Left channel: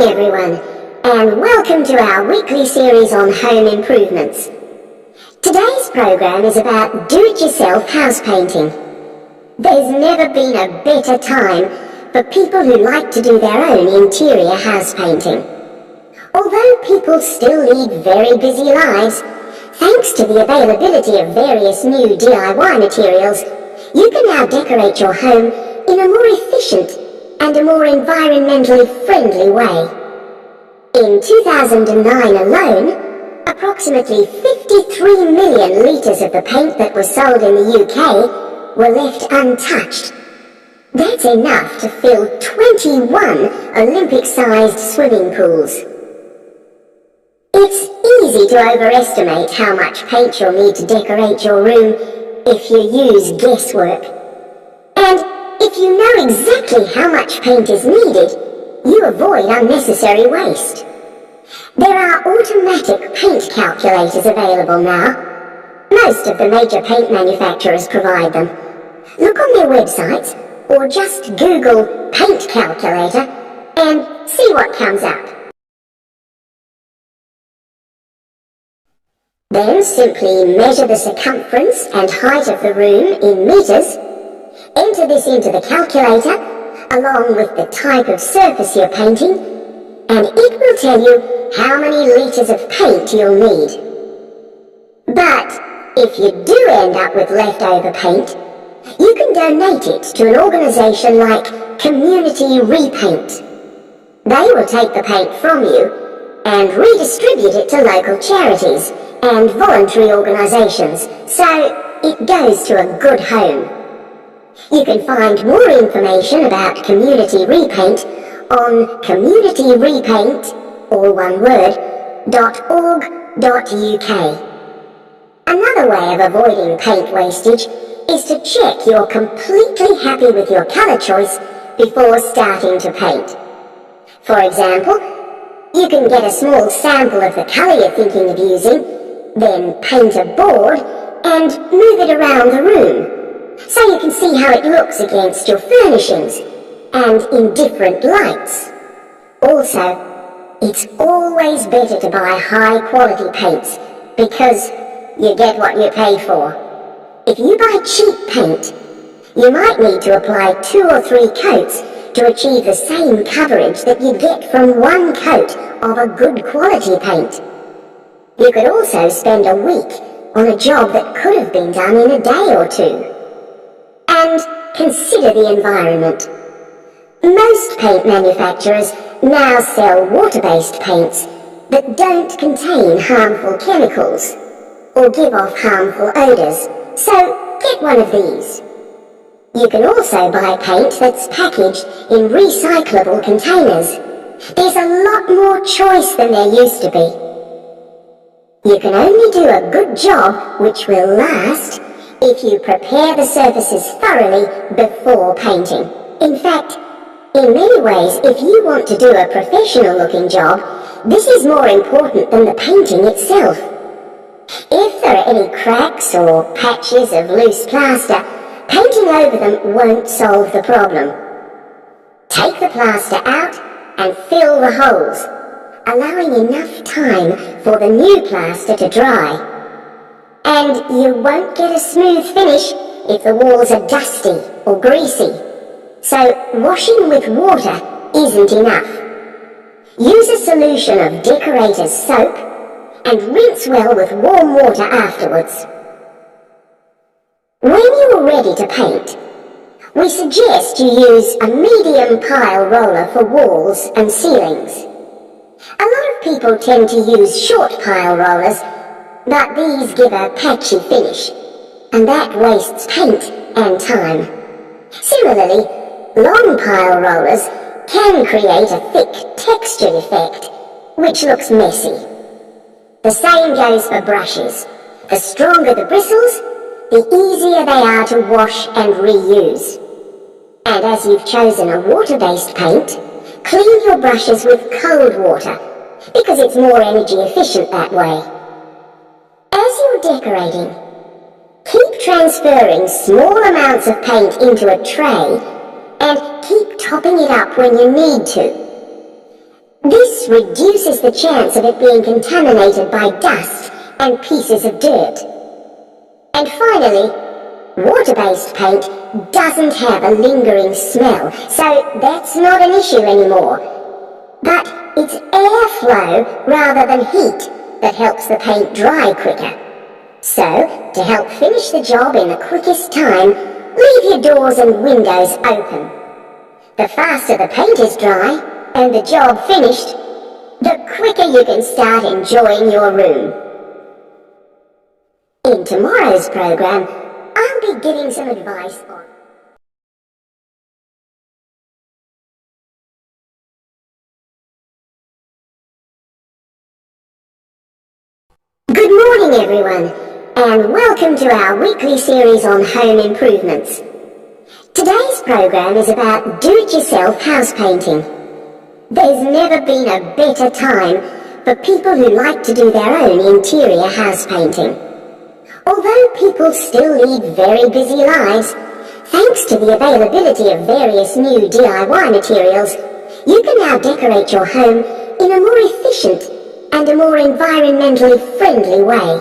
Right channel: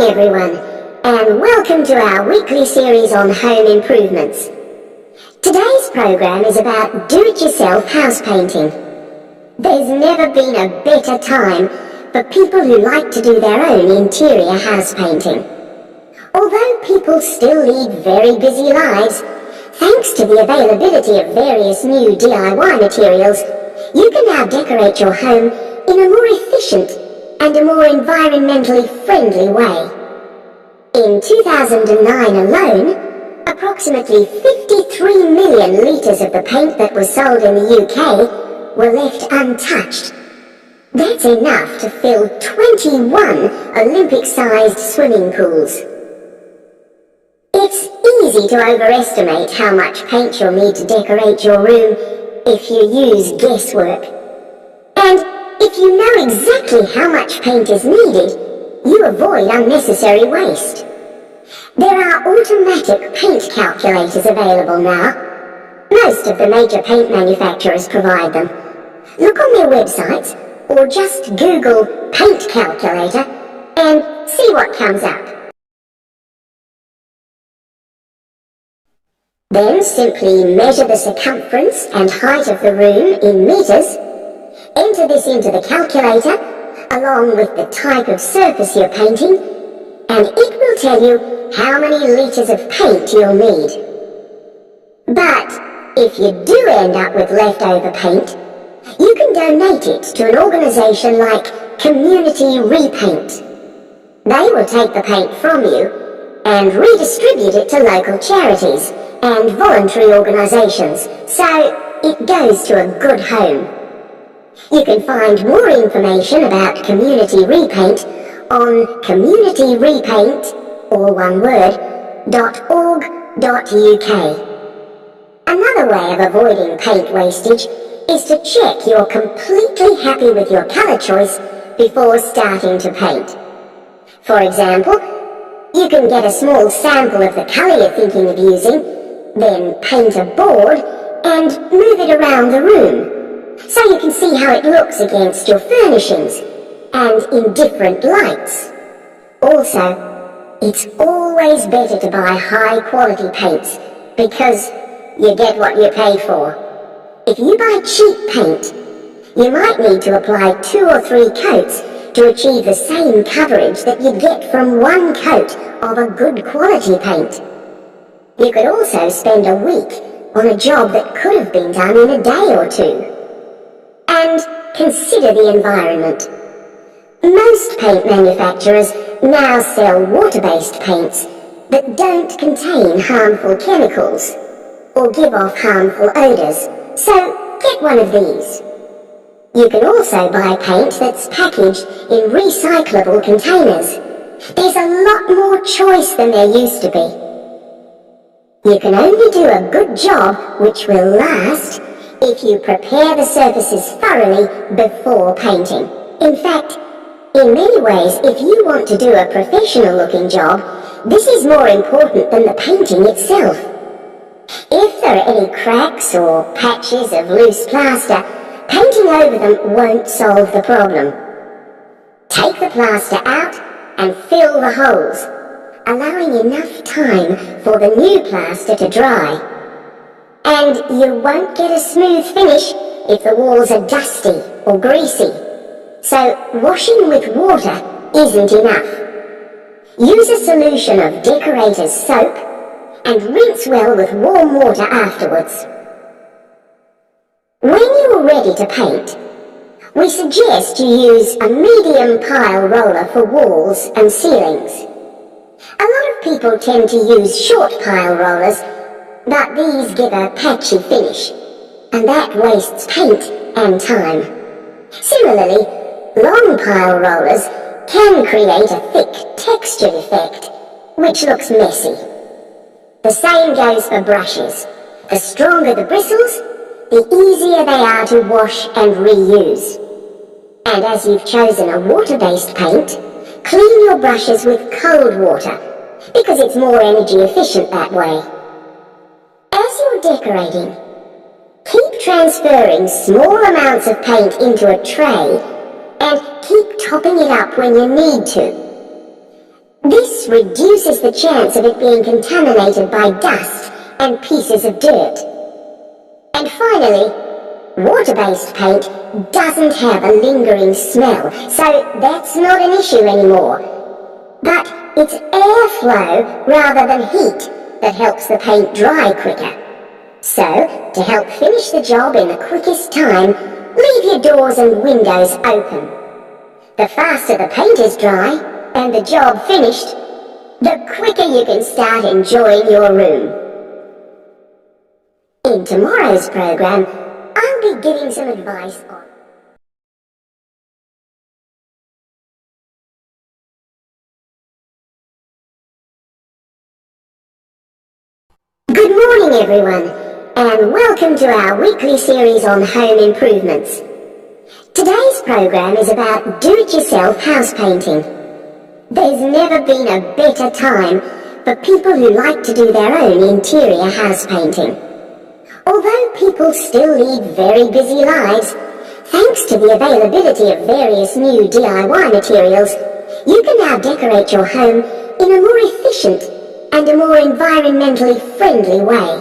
morning everyone, and welcome to our weekly series on home improvements. Today's program is about do-it-yourself house painting. There's never been a better time for people who like to do their own interior house painting. Although people still lead very busy lives, thanks to the availability of various new DIY materials, you can now decorate your home in a more efficient and a more environmentally friendly way. In 2009 alone, approximately 53 million litres of the paint that was sold in the UK were left untouched. That's enough to fill 21 Olympic-sized swimming pools. It's easy to overestimate how much paint you'll need to decorate your room if you use guesswork. And if you know exactly how much paint is needed, you avoid unnecessary waste. There are automatic paint calculators available now. Most of the major paint manufacturers provide them. Look on their websites or just Google paint calculator and see what comes up. Then simply measure the circumference and height of the room in meters. Enter this into the calculator, along with the type of surface you're painting, and it will tell you how many litres of paint you'll need. But if you do end up with leftover paint, you can donate it to an organisation like Community Repaint. They will take the paint from you and redistribute it to local charities and voluntary organisations, so it goes to a good home. You can find more information about Community Repaint on communityrepaint, all one word, .org.uk. Another way of avoiding paint wastage is to check you're completely happy with your colour choice before starting to paint. For example, you can get a small sample of the colour you're thinking of using, then paint a board and move it around the room, so you can see how it looks against your furnishings and in different lights. Also, it's always better to buy high quality paints because you get what you pay for. If you buy cheap paint, you might need to apply 2 or 3 coats to achieve the same coverage that you'd get from 1 coat of a good quality paint. You could also spend a week on a job that could have been done in a day or 2. And consider the environment. Most paint manufacturers now sell water-based paints that don't contain harmful chemicals or give off harmful odours, so get one of these. You can also buy paint that's packaged in recyclable containers. There's a lot more choice than there used to be. You can only do a good job which will last if you prepare the surfaces thoroughly before painting. In fact, in many ways, if you want to do a professional looking job, this is more important than the painting itself. If there are any cracks or patches of loose plaster, painting over them won't solve the problem. Take the plaster out and fill the holes, allowing enough time for the new plaster to dry. And you won't get a smooth finish if the walls are dusty or greasy. So washing with water isn't enough. Use a solution of decorator's soap and rinse well with warm water afterwards. When you are ready to paint, we suggest you use a medium pile roller for walls and ceilings. A lot of people tend to use short pile rollers, but these give a patchy finish, and that wastes paint and time. Similarly, long pile rollers can create a thick textured effect, which looks messy. The same goes for brushes. The stronger the bristles, the easier they are to wash and reuse. And as you've chosen a water-based paint, clean your brushes with cold water, because it's more energy efficient that way. As you're decorating, keep transferring small amounts of paint into a tray and keep topping it up when you need to. This reduces the chance of it being contaminated by dust and pieces of dirt. And finally, water-based paint doesn't have a lingering smell, so that's not an issue anymore. But it's airflow rather than heat that helps the paint dry quicker. So, to help finish the job in the quickest time, leave your doors and windows open. The faster the paint is dry and the job finished, the quicker you can start enjoying your room. In tomorrow's program, I'll be giving some advice on... Good morning, everyone, and welcome to our weekly series on home improvements. Today's program is about do-it-yourself house painting. There's never been a better time for people who like to do their own interior house painting. Although people still lead very busy lives, thanks to the availability of various new DIY materials, you can now decorate your home in a more efficient and a more environmentally friendly way.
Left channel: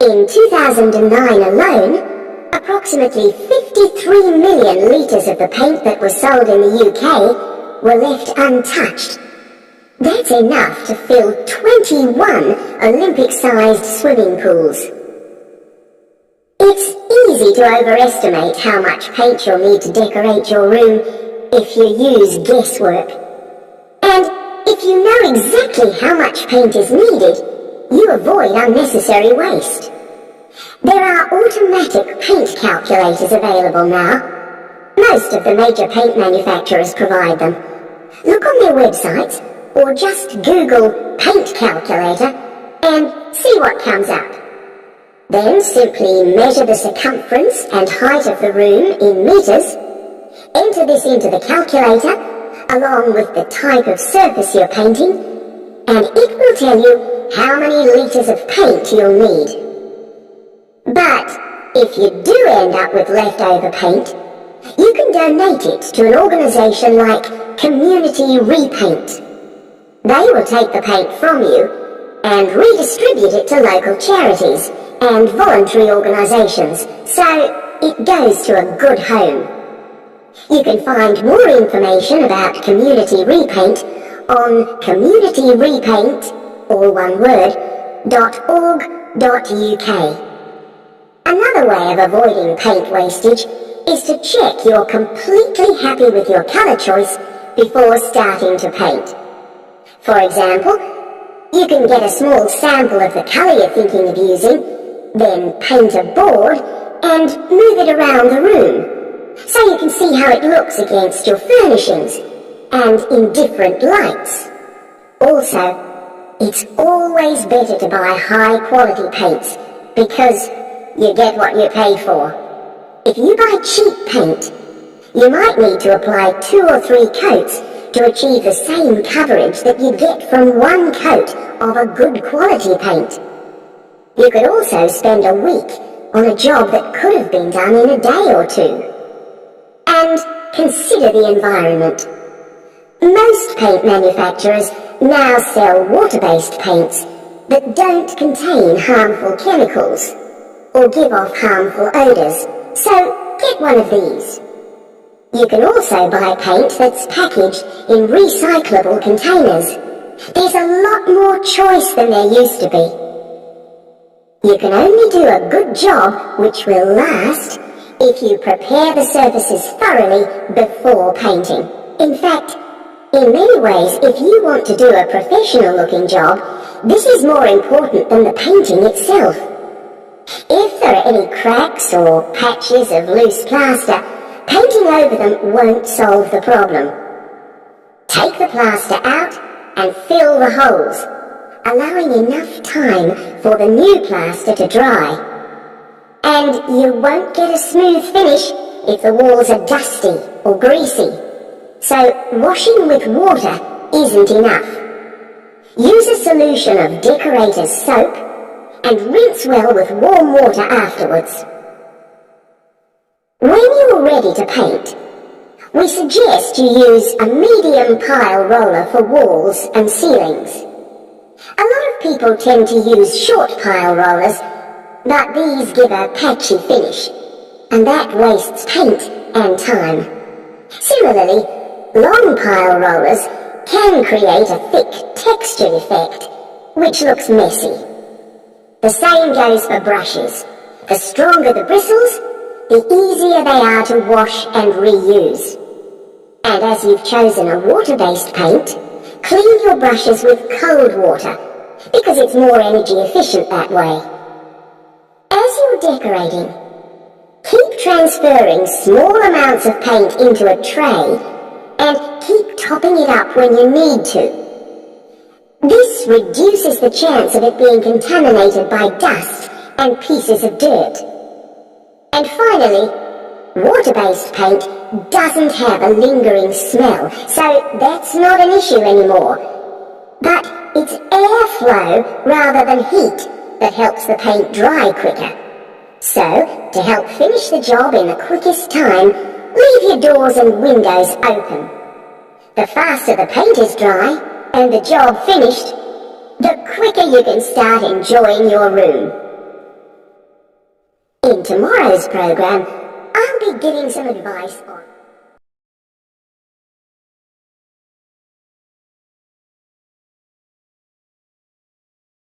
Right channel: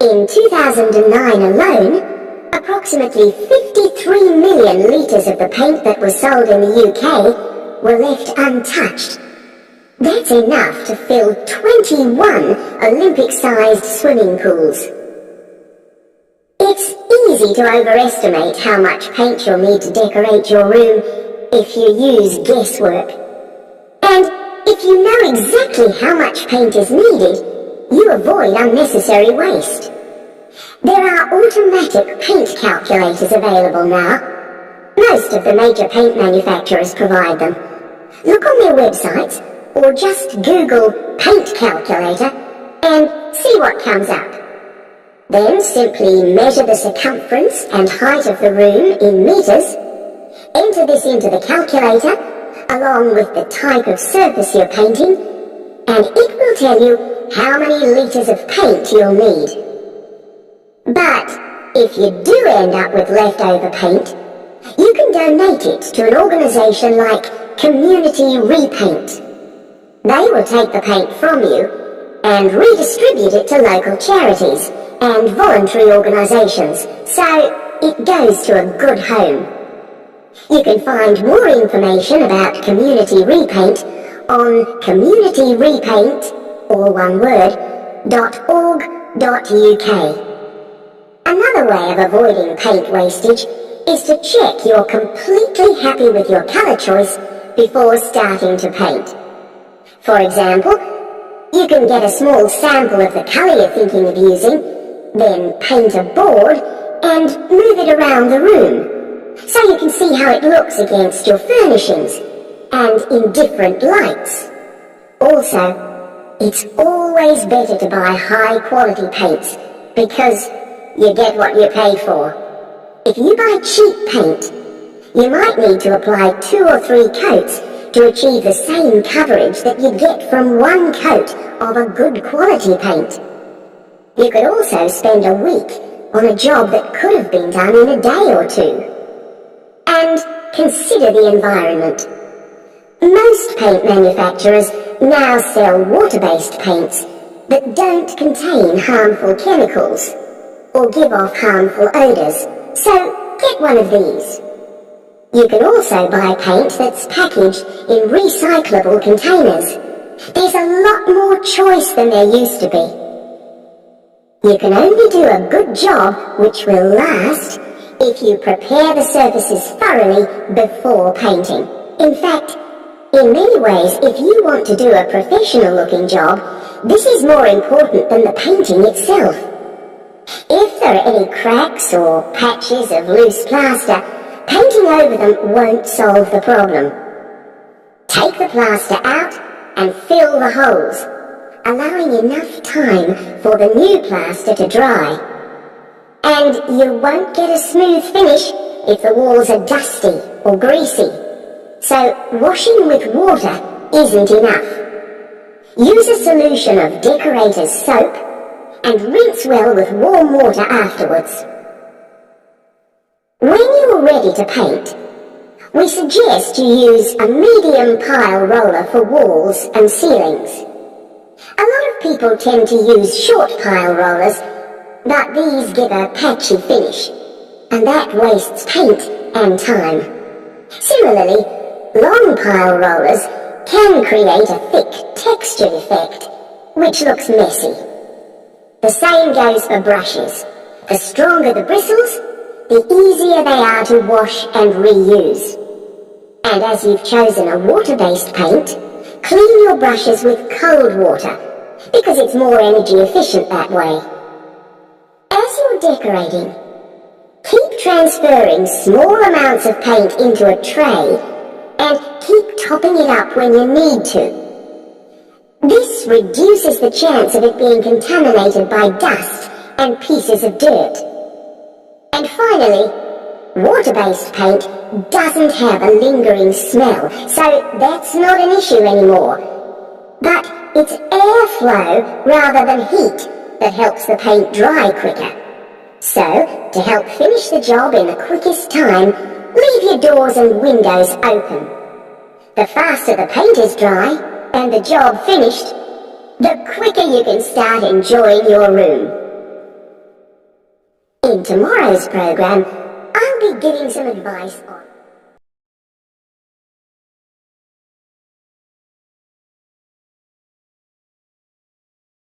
In 2009 alone, approximately 53 million litres of the paint that was sold in the UK were left untouched. That's enough to fill 21 Olympic-sized swimming pools. It's easy to overestimate how much paint you'll need to decorate your room if you use guesswork. And if you know exactly how much paint is needed, you avoid unnecessary waste. There are automatic paint calculators available now. Most of the major paint manufacturers provide them. Look on their websites or just Google paint calculator and see what comes up. Then simply measure the circumference and height of the room in meters, enter this into the calculator along with the type of surface you're painting, and it will tell you how many litres of paint you'll need. But if you do end up with leftover paint, you can donate it to an organisation like Community Repaint. They will take the paint from you and redistribute it to local charities and voluntary organisations, so it goes to a good home. You can find more information about Community Repaint on communityrepaint, all one word, .org.uk. Another way of avoiding paint wastage is to check you're completely happy with your colour choice before starting to paint. For example, you can get a small sample of the colour you're thinking of using, then paint a board and move it around the room, so you can see how it looks against your furnishings and in different lights. Also, it's always better to buy high-quality paints because you get what you pay for. If you buy cheap paint, you might need to apply 2 or 3 coats to achieve the same coverage that you'd get from 1 coat of a good quality paint. You could also spend a week on a job that could have been done in a day or 2. And consider the environment. Most paint manufacturers now sell water-based paints that don't contain harmful chemicals or give off harmful odours, so get one of these. You can also buy paint that's packaged in recyclable containers. There's a lot more choice than there used to be. You can only do a good job, which will last, if you prepare the surfaces thoroughly before painting. In fact, in many ways, if you want to do a professional-looking job, this is more important than the painting itself. If there are any cracks or patches of loose plaster, painting over them won't solve the problem. Take the plaster out and fill the holes, allowing enough time for the new plaster to dry. And you won't get a smooth finish if the walls are dusty or greasy. So washing with water isn't enough. Use a solution of decorator's soap and rinse well with warm water afterwards. When you're ready to paint, we suggest you use a medium pile roller for walls and ceilings. A lot of people tend to use short pile rollers, but these give a patchy finish, and that wastes paint and time. Similarly, long pile rollers can create a thick textured effect, which looks messy. The same goes for brushes. The stronger the bristles, the easier they are to wash and reuse. And as you've chosen a water-based paint, clean your brushes with cold water, because it's more energy efficient that way. As you're decorating, keep transferring small amounts of paint into a tray and keep topping it up when you need to. This reduces the chance of it being contaminated by dust and pieces of dirt. And finally, water-based paint doesn't have a lingering smell, so that's not an issue anymore. But it's airflow rather than heat that helps the paint dry quicker. So, to help finish the job in the quickest time, leave your doors and windows open. The faster the paint is dry and the job finished, the quicker you can start enjoying your room. In tomorrow's program, I'll be giving some advice on